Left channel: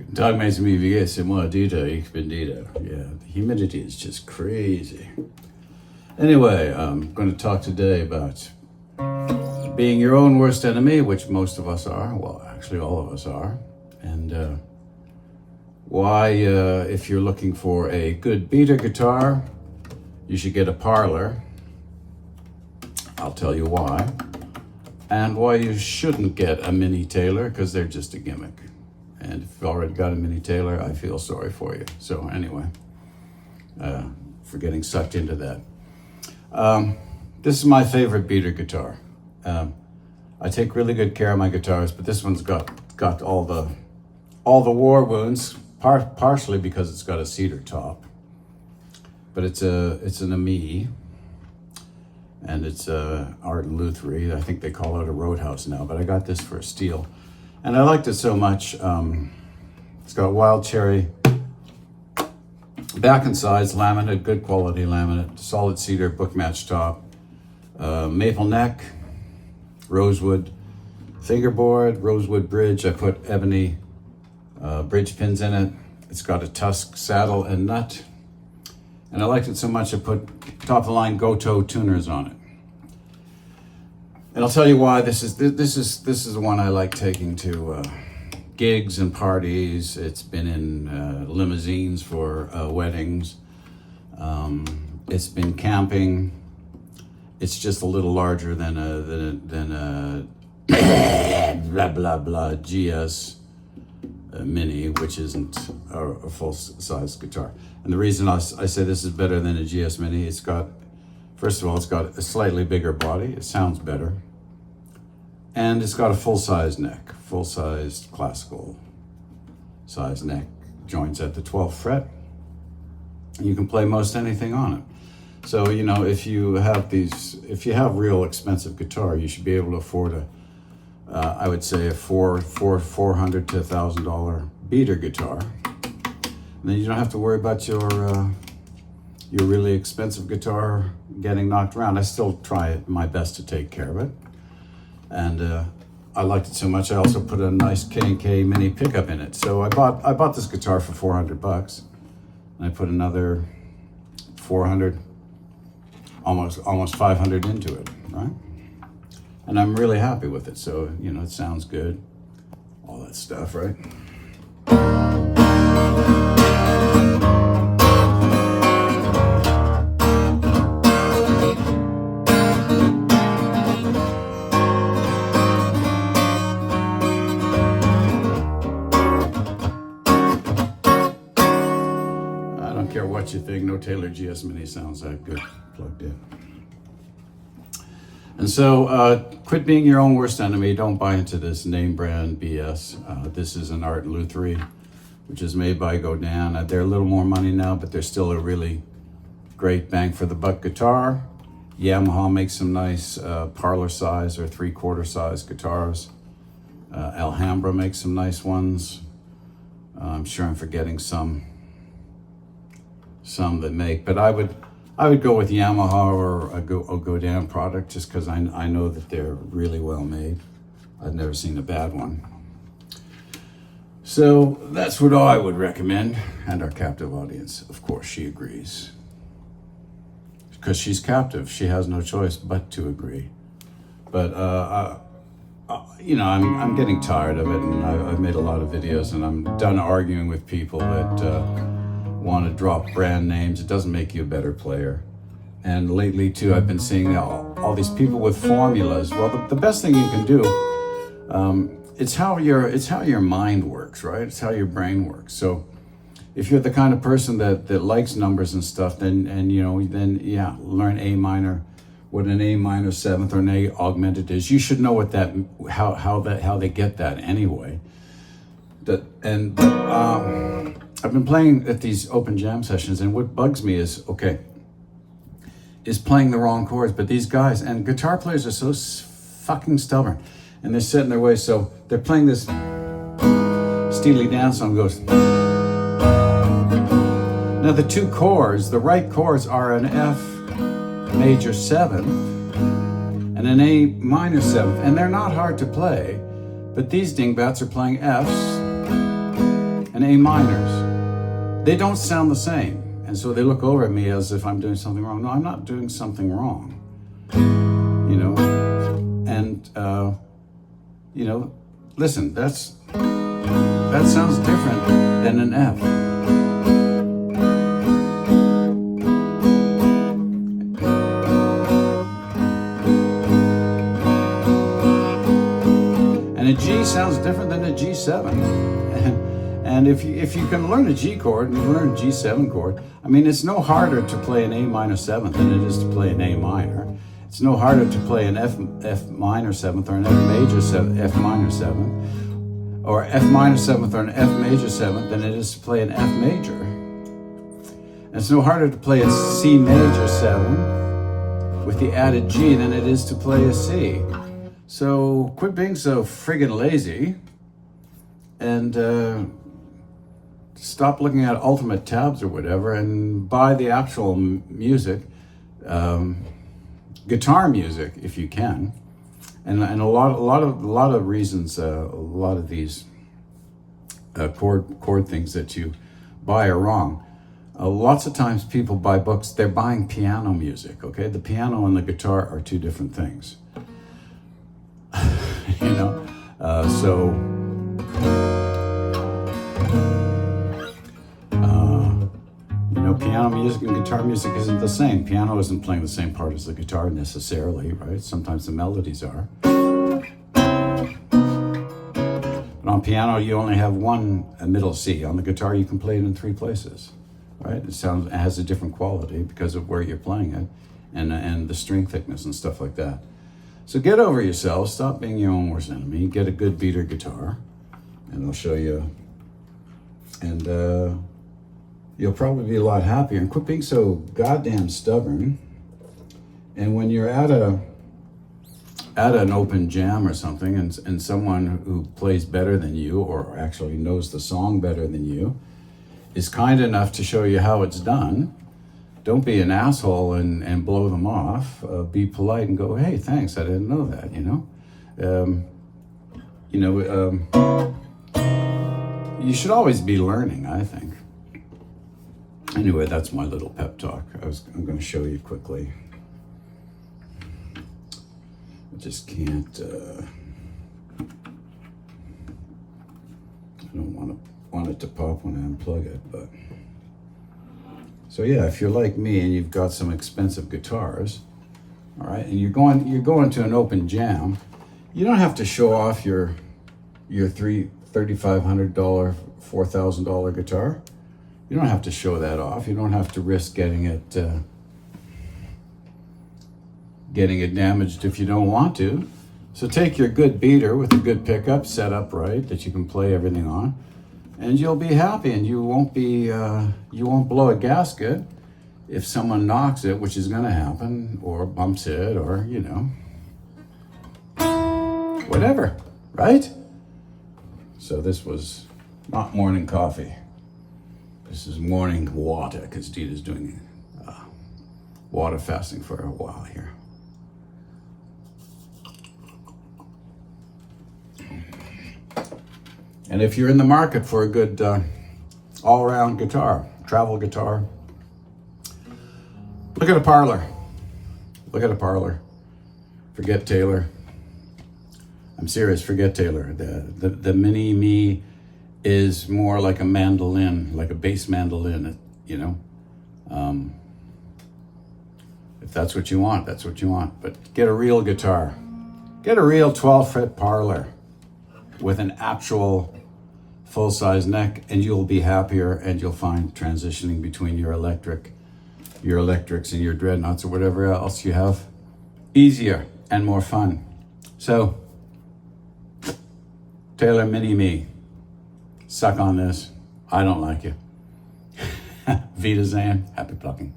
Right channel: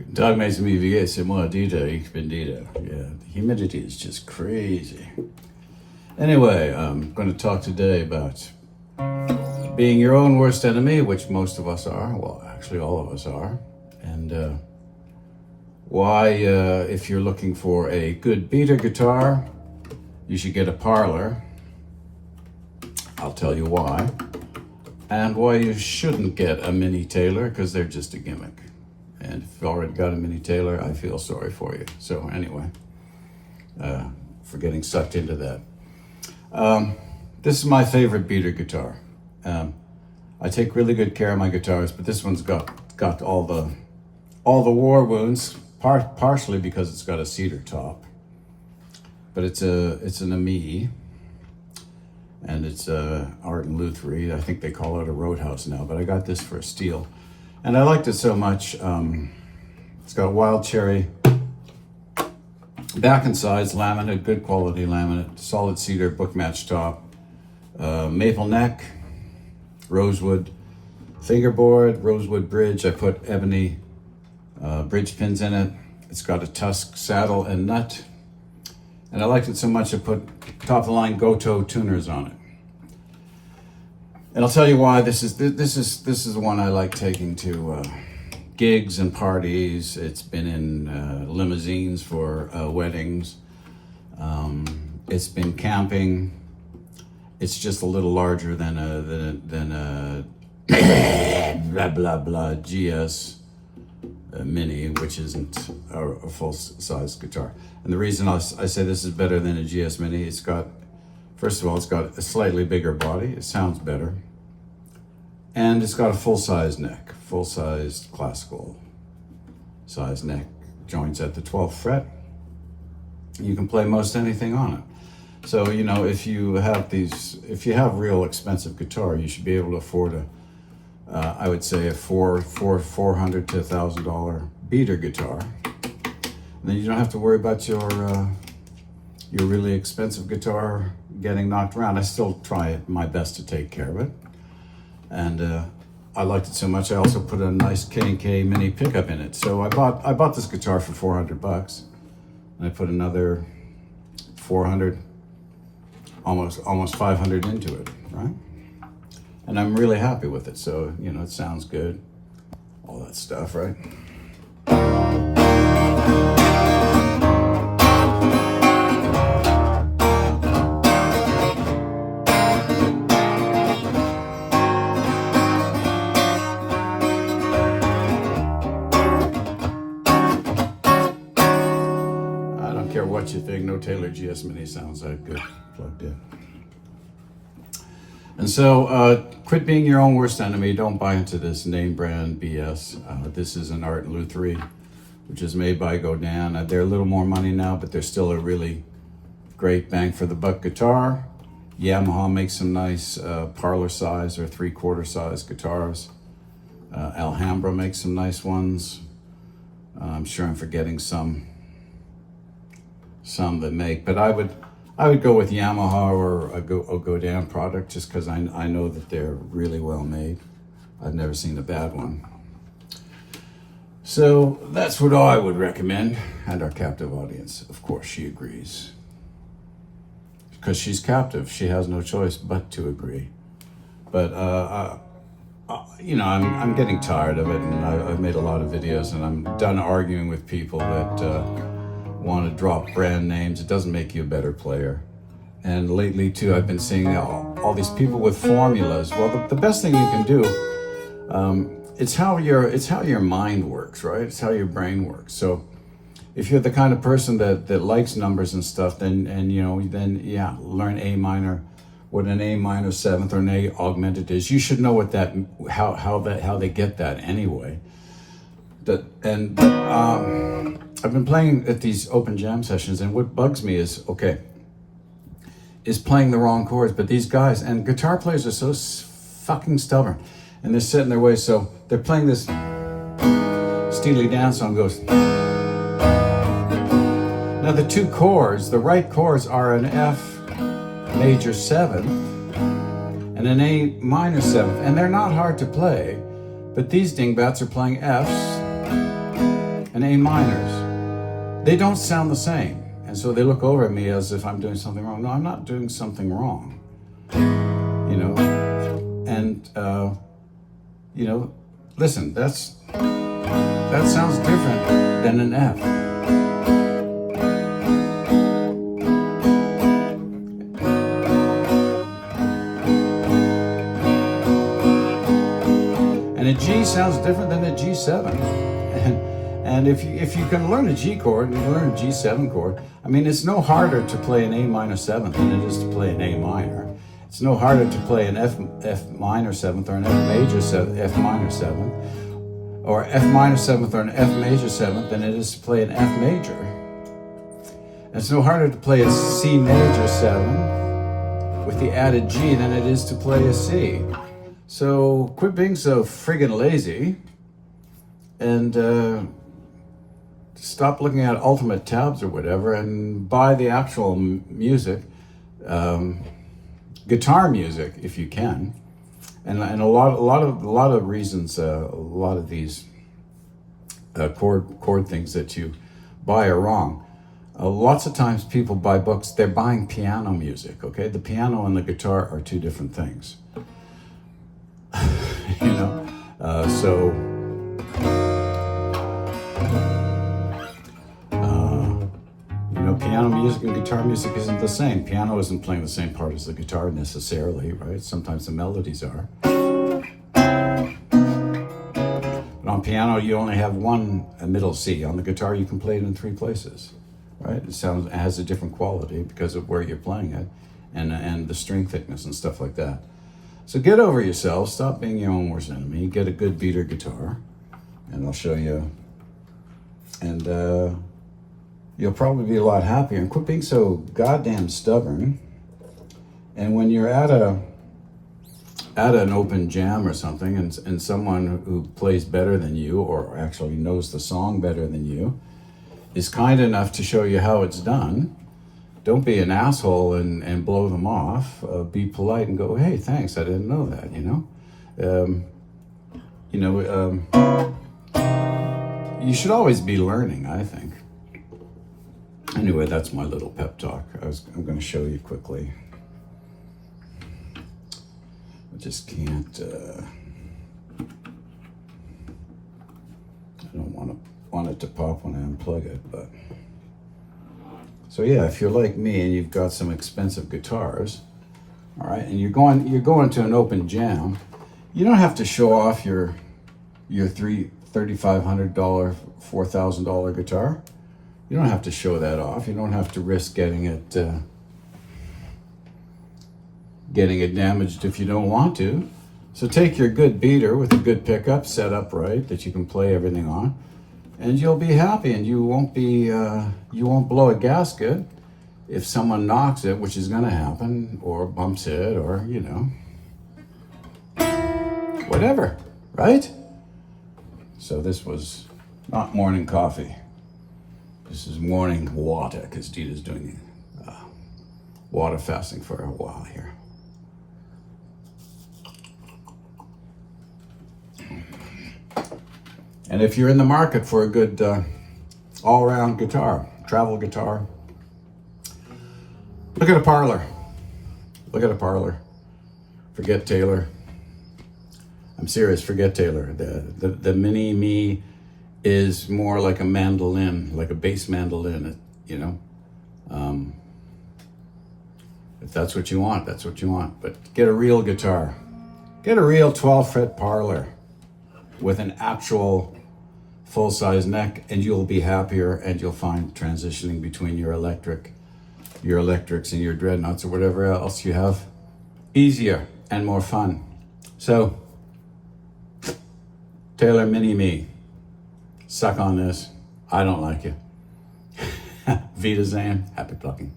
Guten Tag, mes amis, wie geht's? C'est moi, Dieter. Ich bin Dieter. Yeah, the humidity is just crazy. Anyway, I'm going to talk today about being your own worst enemy, which most of us are. Well, actually, all of us are. And why, if you're looking for a good beater guitar, you should get a parlour. I'll tell you why. And why you shouldn't get a mini Taylor, because they're just a gimmick. And if you've already got a mini Taylor, I feel sorry for you. So anyway, for getting sucked into that. This is my favorite beater guitar. I take really good care of my guitars, but this one's got all the war wounds, partially because it's got a cedar top. But it's an AMI, and it's Art and Lutherie. I think they call it a Roadhouse now, but I got this for a steel. And I liked it so much. It's got wild cherry back and sides, laminate, good quality laminate, solid cedar, book match top, maple neck, rosewood fingerboard, rosewood bridge. I put ebony bridge pins in it. It's got a tusk saddle and nut. And I liked it so much I put top of the line Goto tuners on it. And I'll tell you why. This is the one I like taking to gigs and parties. It's been in limousines for weddings. It's been camping. It's just a little larger than a blah blah blah GS Mini, which isn't a full size guitar. And the reason I say this is better than a GS Mini, it's got, first of all, it's got a slightly bigger body. It sounds better. And it's got a full-size neck, full-size classical size neck, joints at the 12th fret. You can play most anything on it. So, you know, if you have real expensive guitar, you should be able to afford I would say a $400 to $1,000 beater guitar. And then you don't have to worry about your really expensive guitar getting knocked around. I still try my best to take care of it. And I liked it so much, I also put a nice K&K mini pickup in it. So I bought this guitar for $400, and I put another 400, almost 500 into it, right? And I'm really happy with it. So, you know, it sounds good, all that stuff, right? I don't care what you think, no Taylor GS Mini sounds that good plugged in. And so, quit being your own worst enemy. Don't buy into this name brand BS. This is an Art and Lutherie, which is made by Godin. They're a little more money now, but they're still a really great bang for the buck guitar. Yamaha makes some nice parlor size or 3/4 size guitars. Alhambra makes some nice ones. I'm sure I'm forgetting some that make, but I would go with Yamaha or a Godin product just because I know that they're really well made. I've never seen a bad one. So that's what I would recommend. And our captive audience, of course, she agrees. Because she's captive, she has no choice but to agree. But, you know, I'm getting tired of it, and I've made a lot of videos, and I'm done arguing with people that want to drop brand names. It doesn't make you a better player. And lately too, I've been seeing all these people with formulas. Well, the best thing you can do, it's how your mind works, right? It's how your brain works. So if you're the kind of person that likes numbers and stuff, then learn A minor, what an A minor seventh or an A augmented is. You should know what that, how they get that anyway. I've been playing at these open jam sessions, and what bugs me is playing the wrong chords. But these guys and guitar players are so fucking stubborn, and they're set in their ways. So they're playing this Steely Dan song goes. Now the two chords, the right chords are an F major 7th and an A minor 7th, and they're not hard to play. But these dingbats are playing Fs and A minors, they don't sound the same. And so they look over at me as if I'm doing something wrong. No, I'm not doing something wrong. You know, and, you know, listen, that sounds different than an F. And a G sounds different than a G7. And if you can learn a G chord and you learn a G7 chord, I mean, it's no harder to play an A minor 7th than it is to play an A minor. It's no harder to play an F minor 7th or an F major F minor 7th, or F minor 7th or an F major 7th than it is to play an F major. And it's no harder to play a C major 7 with the added G than it is to play a C. So quit being so friggin' lazy and stop looking at ultimate tabs or whatever and buy the actual music, guitar music if you can. And a lot of reasons, a lot of these chord things that you buy are wrong. Lots of times people buy books, they're buying piano music, okay? The piano and the guitar are two different things. You know, you know, piano music and guitar music isn't the same. Piano isn't playing the same part as the guitar necessarily, right? Sometimes the melodies are. But on piano, you only have a middle C. On the guitar, you can play it in 3 places, right? It has a different quality because of where you're playing it and the string thickness and stuff like that. So get over yourself, stop being your own worst enemy, get a good beater guitar, and I'll show you. And you'll probably be a lot happier, and quit being so goddamn stubborn. And when you're at an open jam or something, and someone who plays better than you, or actually knows the song better than you, is kind enough to show you how it's done, don't be an asshole and blow them off. Be polite and go, hey, thanks, I didn't know that, you should always be learning, I think. Anyway, that's my little pep talk. I'm going to show you quickly. I just can't, I don't want it to pop when I unplug it, but. So yeah, if you're like me and you've got some expensive guitars, all right, and you're going to an open jam, you don't have to show off your $3,500, $4,000 guitar. You don't have to show that off. You don't have to risk getting it damaged if you don't want to. So take your good beater with a good pickup set up right that you can play everything on, and you'll be happy, and you won't blow a gasket if someone knocks it, which is going to happen, or bumps it, or whatever, right? So this was not morning coffee. This is morning water, because Dita's doing water fasting for a while here. And if you're in the market for a good all-around guitar, travel guitar, look at a Parlour. Look at a Parlour. Forget Taylor. I'm serious, forget Taylor. The Mini Me is more like a mandolin, like a bass mandolin, If that's what you want, that's what you want. But get a real guitar. Get a real 12-fret Parlour with an actual full-size neck, and you'll be happier, and you'll find transitioning between your electrics and your dreadnoughts or whatever else you have easier and more fun. So, Taylor Mini Me, suck on this. I don't like you. Vida Zan, happy plucking.